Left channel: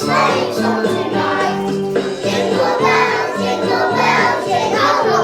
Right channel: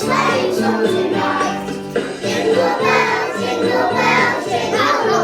sleigh song tonight. Jingle bells, jingle all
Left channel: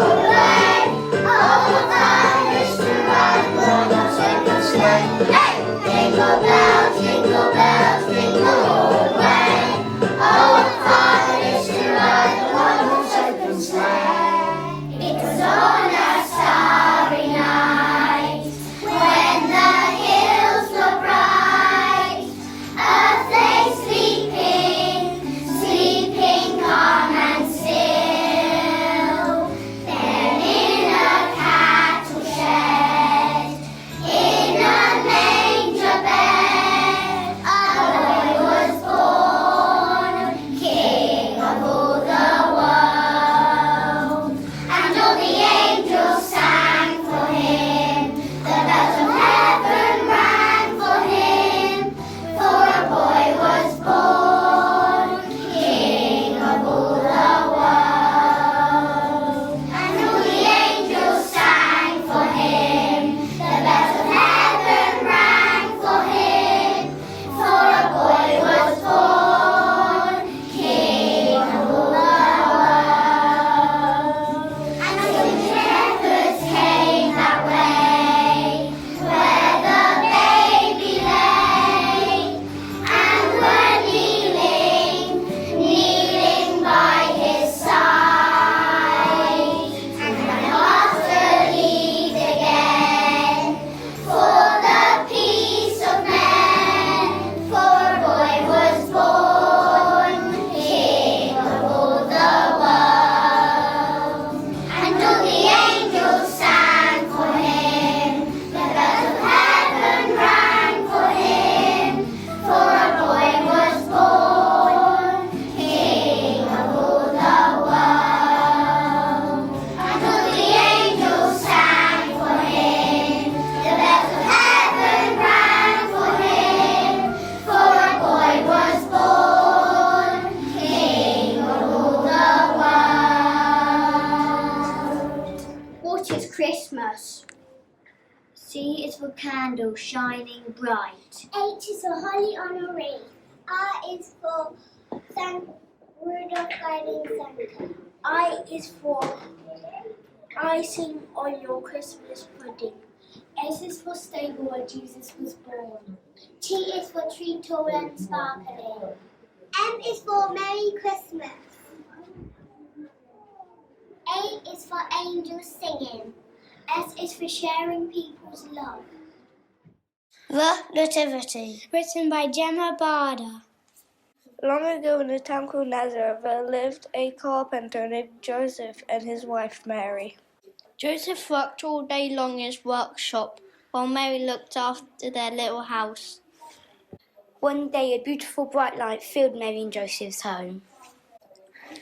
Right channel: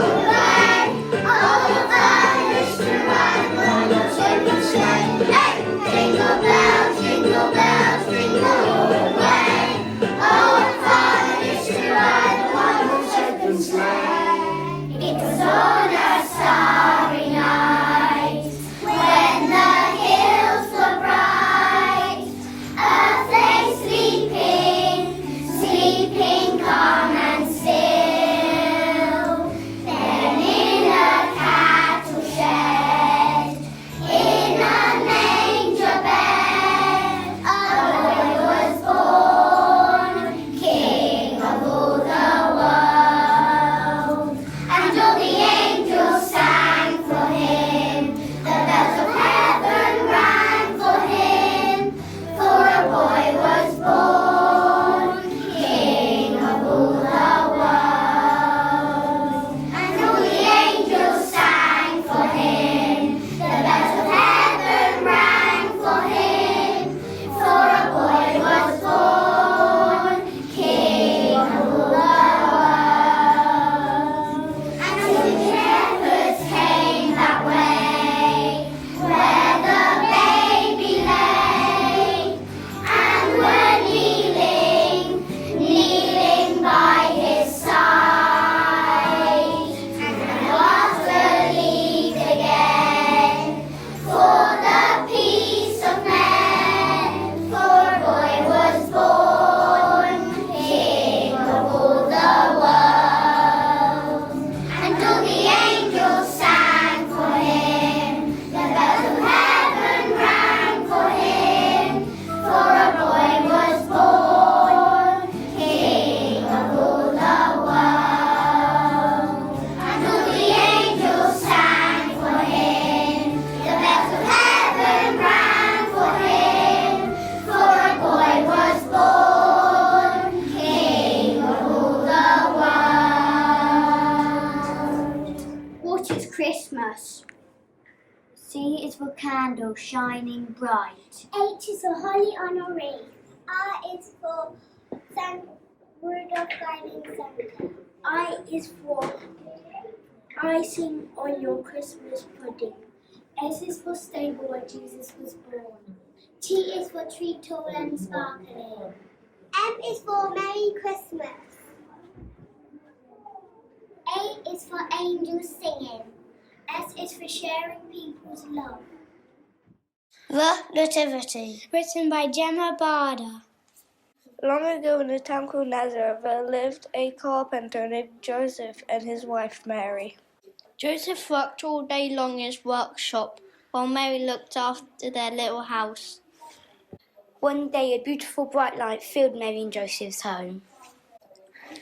the way. Oh, what fun it is to ride on your open sleigh. Hey! Jingle bells, jingle all the way. Oh, what fun it is to ride on your open sleigh. It was on a starry night when the hills were bright. Earth lay sleeping calm and still. Then in a cattle shed, in a manger bed, a boy was born, King of all the world. And all the angels sang for him, the bells of heaven rang for him, for a boy was born, King of all the world. And all the angels sang for him, the bells of heaven rang for him, for a boy was born, King of all the world. And all the shepherds came that way, where the baby lay, and were kneeling by his side. And the master believed again, for the peace of men, for a boy was born, King of all the world. And all the angels sang for him, the bells of heaven rang for him, for a boy was born, King of all the world. And all the angels sang for him, the bells of heaven rang for him, for a boy was born, King of all the world. What is Christmas? C is for candle shining bright. H is for holly on a wreath. R is for Saint Rudolph guiding Santa. I is for icing on your Christmas pudding. S is for stable where Jesus was born. T is for tree tall and sparkling. M is for Merry Christmas. A is for angels singing. S is for sharing people's love. The Nativity. Written by Gemma Barder. Long ago in a town called Nazareth, there lived a carpenter named Joseph and his wife Mary. Joseph worked all day long in his workshop, while Mary looked after their little house. One day, a beautiful bright light filled Mary and Joseph's home.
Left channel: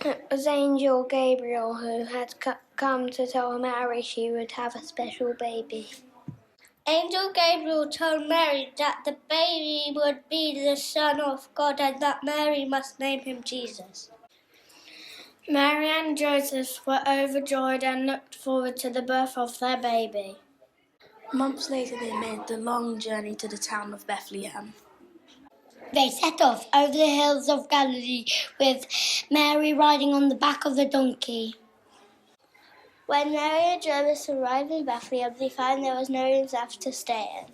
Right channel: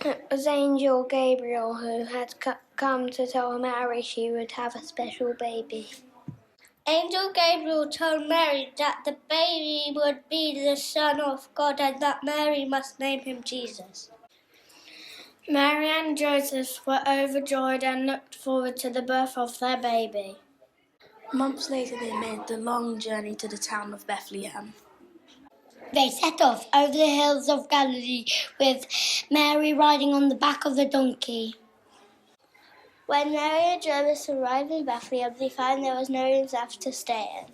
It was Angel Gabriel who had come to tell Mary she would have a special baby. Angel Gabriel told Mary that the baby would be the Son of God and that Mary must name him Jesus. Mary and Joseph were overjoyed and looked forward to the birth of their baby. Months later, they made the long journey to the town of Bethlehem. They set off over the hills of Galilee with Mary riding on the back of the donkey. When Mary and Joseph arrived in Bethlehem, they found there was no room left to stay in.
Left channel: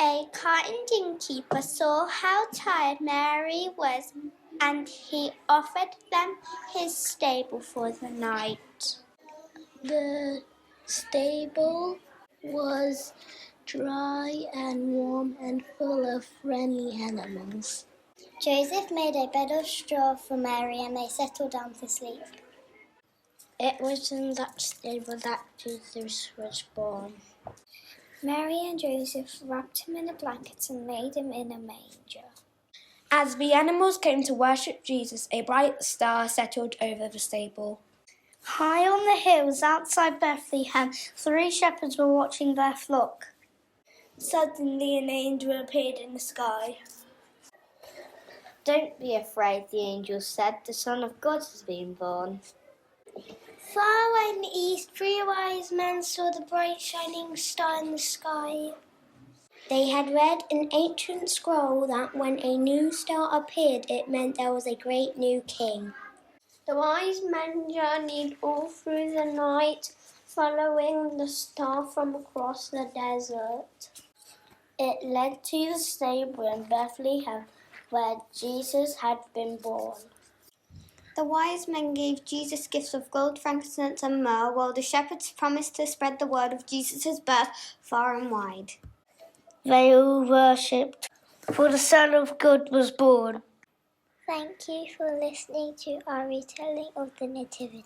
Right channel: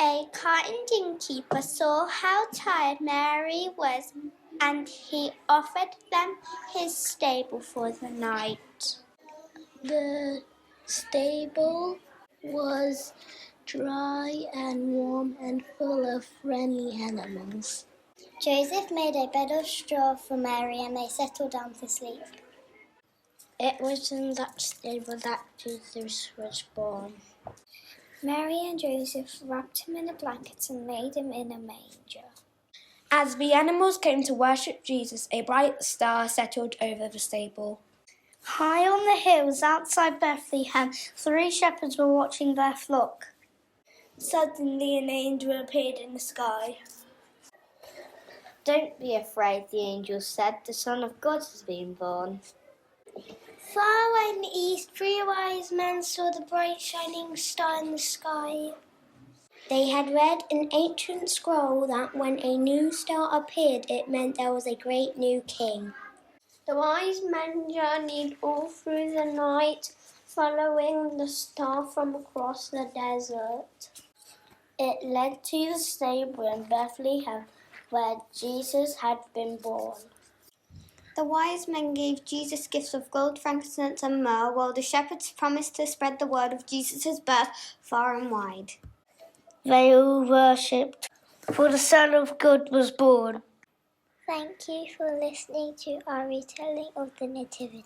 A kind innkeeper saw how tired Mary was, and he offered them his stable for the night. The stable was dry and warm and full of friendly animals. Joseph made a bed of straw for Mary and they settled down to sleep. It was in that stable that Jesus was born. Mary and Joseph wrapped him in a blanket and laid him in a manger. As the animals came to worship Jesus, a bright star settled over the stable. High on the hills outside Bethlehem, 3 shepherds were watching their flock. Suddenly an angel appeared in the sky. Don't be afraid, the angel said. The Son of God has been born. Far away in the east, 3 wise men saw the bright shining star in the sky. They had read an ancient scroll that when a new star appeared, it meant there was a great new king. The wise men journeyed all through the night, following the star from across the desert. It led to the stable in Bethlehem, where Jesus had been born. The wise men gave Jesus gifts of gold, frankincense, and myrrh, while the shepherds promised to spread the word of Jesus' birth far and wide. They all worshipped, for the Son of God was born. Thank you for listening to our retelling of the Nativity.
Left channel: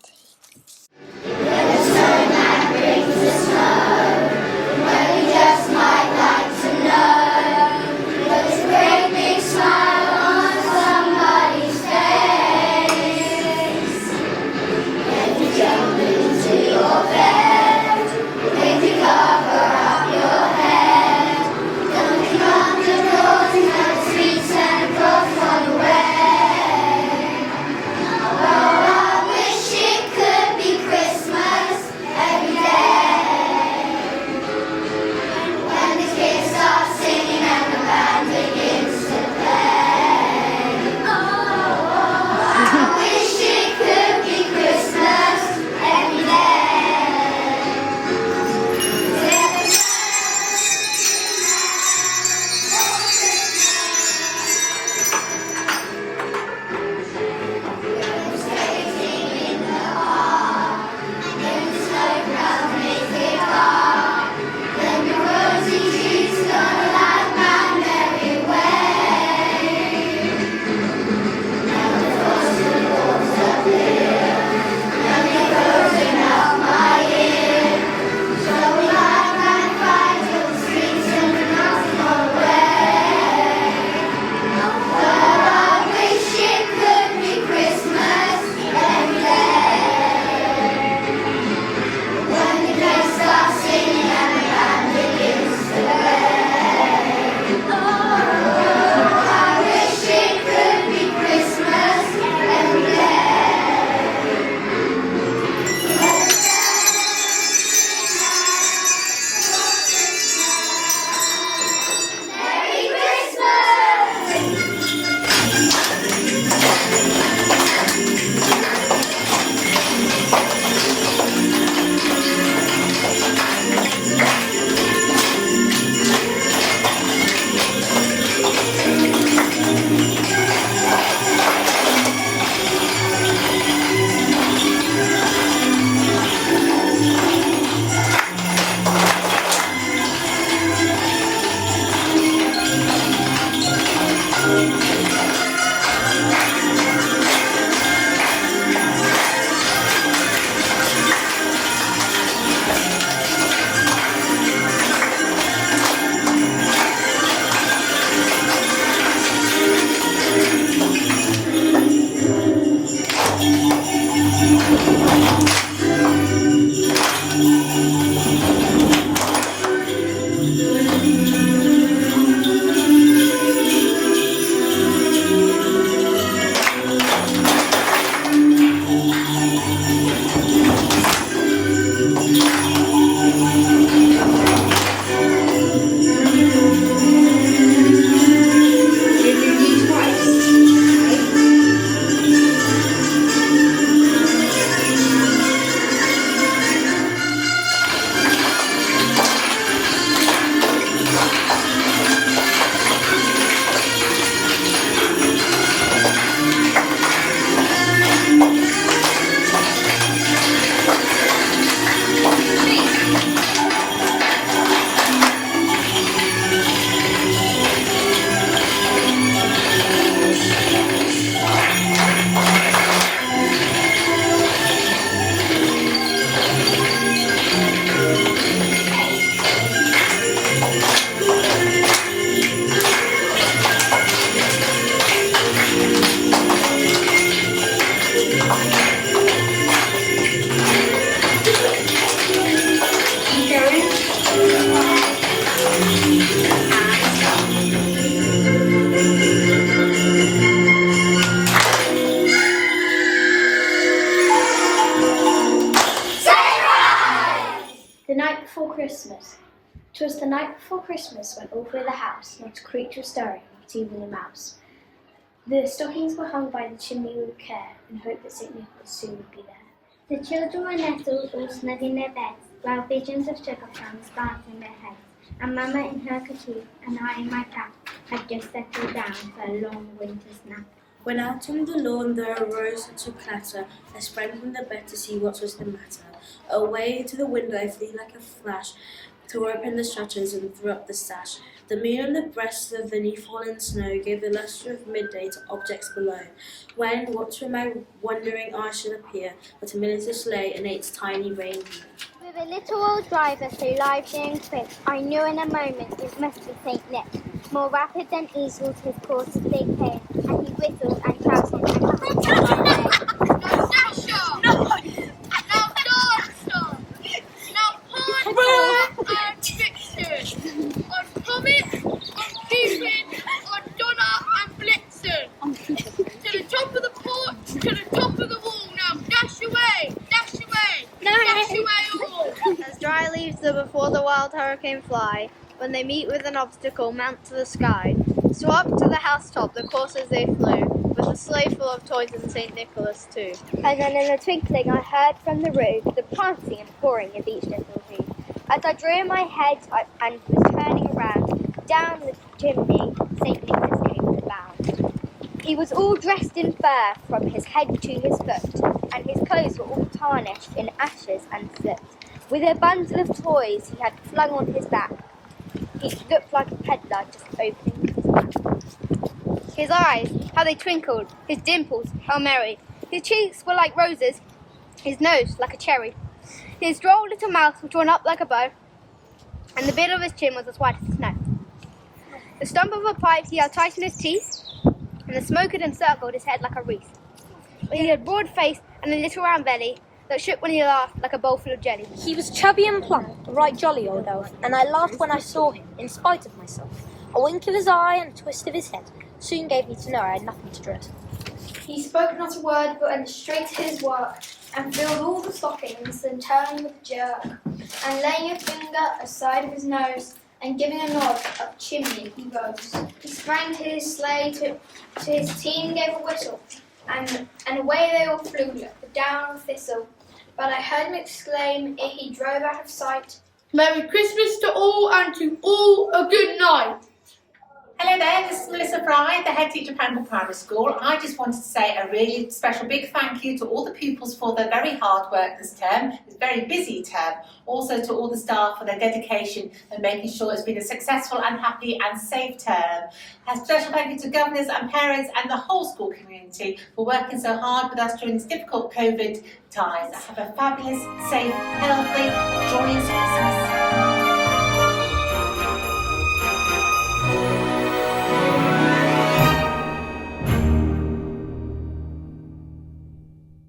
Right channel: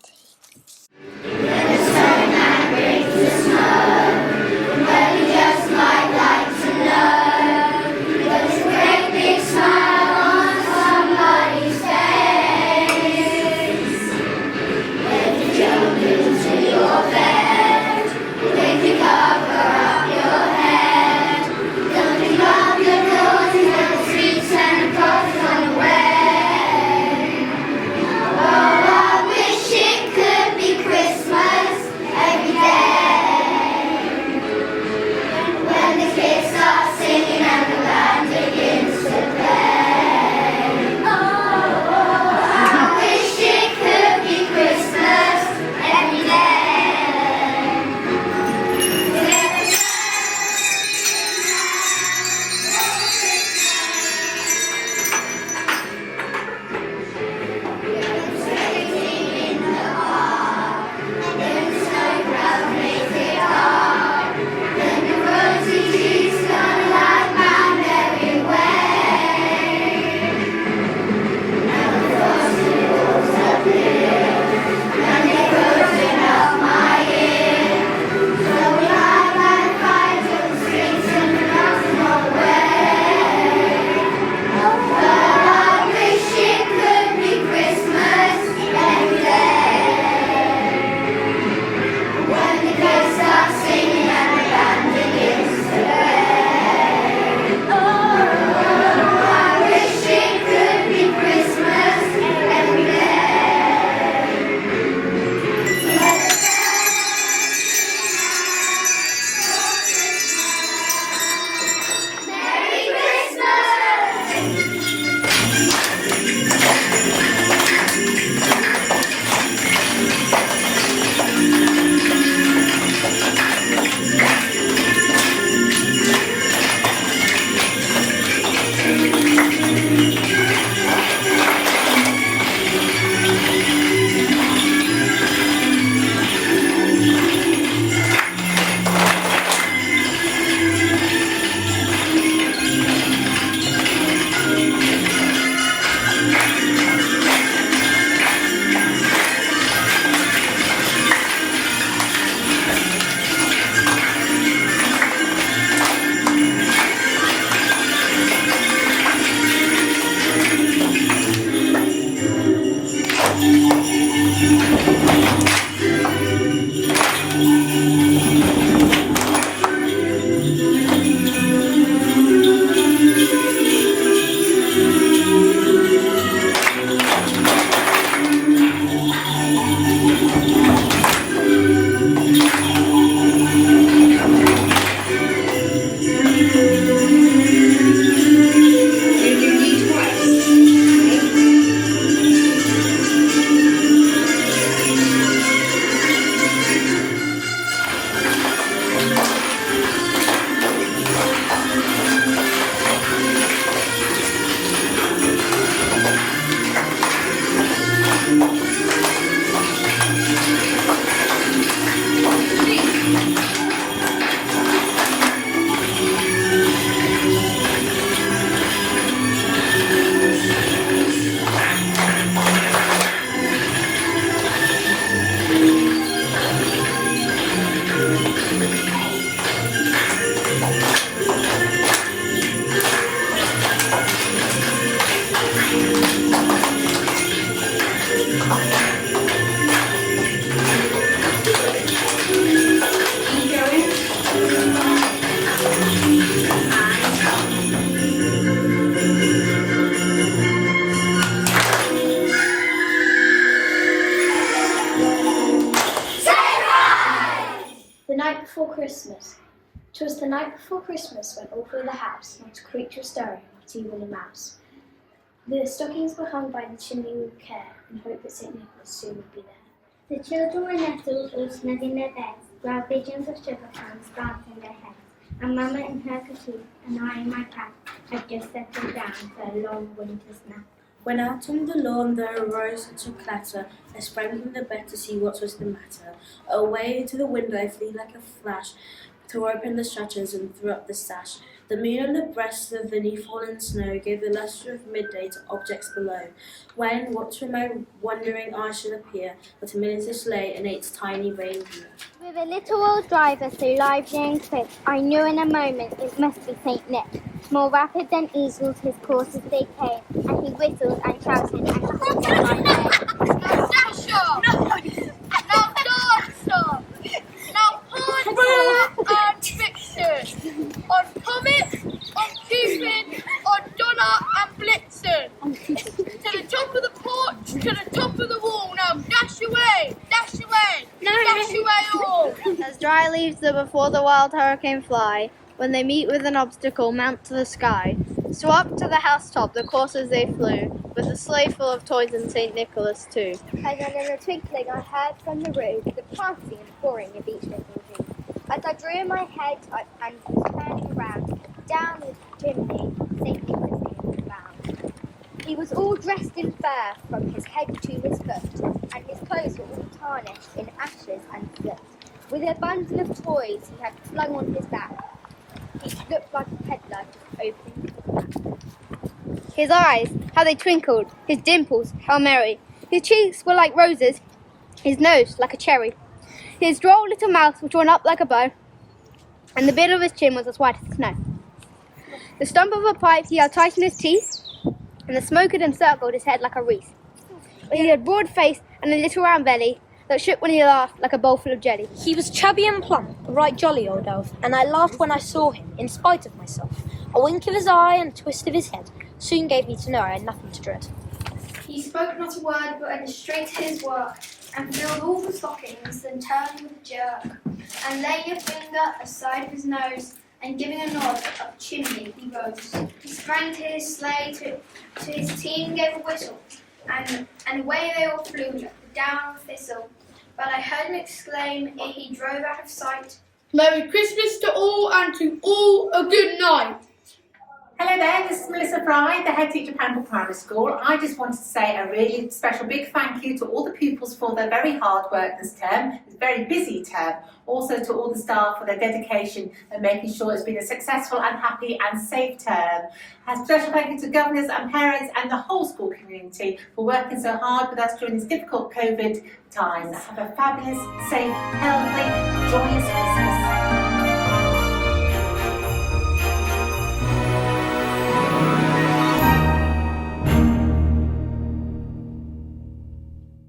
night before Christmas went all through the house, not a creature stirring, not even a mouse. The stockings were hung by the chimney with care, in hope that St. Nicholas soon would be there. The children were nestled all snug in their beds, while visions of sugar plums danced in their heads, and Mamma in her kerchief, and I in my cap, had just settled down for a long winter's nap. When out on the lawn there arose such a clatter, I sprang from the bed to see what was the matter. Away to the window I flew like a flash, tore open the shutters and threw up the sash. The moon on the breast of the new-fallen snow gave the lustre of midday to objects below. When, what to my wondering eyes should appear, but a miniature sleigh and its tiny reindeer. With a little old driver so lively and quick, I knew in a moment it must be St. Nick. More rapid than eagles his courses they came, and he whistled and shouted. Now dash off! No! Now dance off! Now put and Vixen! On Comet, on Cupid, on Donna and Blitzen! To the top of the porch, to the top of the wall! Now dash away! Dash away! No. Dash away all! As dry leaves that before the wild hurricane fly, when they meet with an obstacle, mount to the sky. So up to the housetop the coursers they flew, with a sleigh full of toys and St. Nicholas too. And then in a twinkling I heard from the roof the prancing and pouring of each little tree. As I drew my head and was turning around, down the chimney St. Nicholas came with a bound. He was all dressed in fur from his head to his foot, and his clothes were all tarnished in ashes and soot. With a bundle of toys he had flung on his back, he looked like a peddler just opening his mouth. His eyes, how they twinkled, his dimples, how merry. His cheeks were like roses, his nose like a cherry. His droll little mouth was drawn up like a bow, and the bill of his chin was as white as snow. The stump of a pipe he had tight in his teeth, and the smoke had encircled his head like a wreath. He had a broad face and a little round belly that shook when he laughed like a bowl full of jelly. He was chubby and plump, a right jolly old elf, and I laughed when I saw him, in spite of myself. A wink of his eye and a twist of his head soon gave me to know I had nothing to dread. He spoke not a word, but went straight to his work, and filled all the stockings, then turning with a jerk, and laying a finger aside of his nose, and giving a nod up chimney, he rose. He sprang to his sleigh, to his team gave a whistle, and away they all flew like the down of a thistle. But I heard him exclaim ere he drove out of sight, Merry Christmas to all, and to all a good night. Hello there, this is Melissa Fry, the head teacher of Pangbourne Primary School. I just wanted to say a really special big thank you to all the pupils for their very hard work this term. It's a very busy term. Also to all the staff for their dedication and making sure it's been a successful and happy and safe term. A special thank you to governors and parents and the whole school community for working so hard with us during these difficult COVID times. Have a fabulous, safe, healthy, joyous Christmas.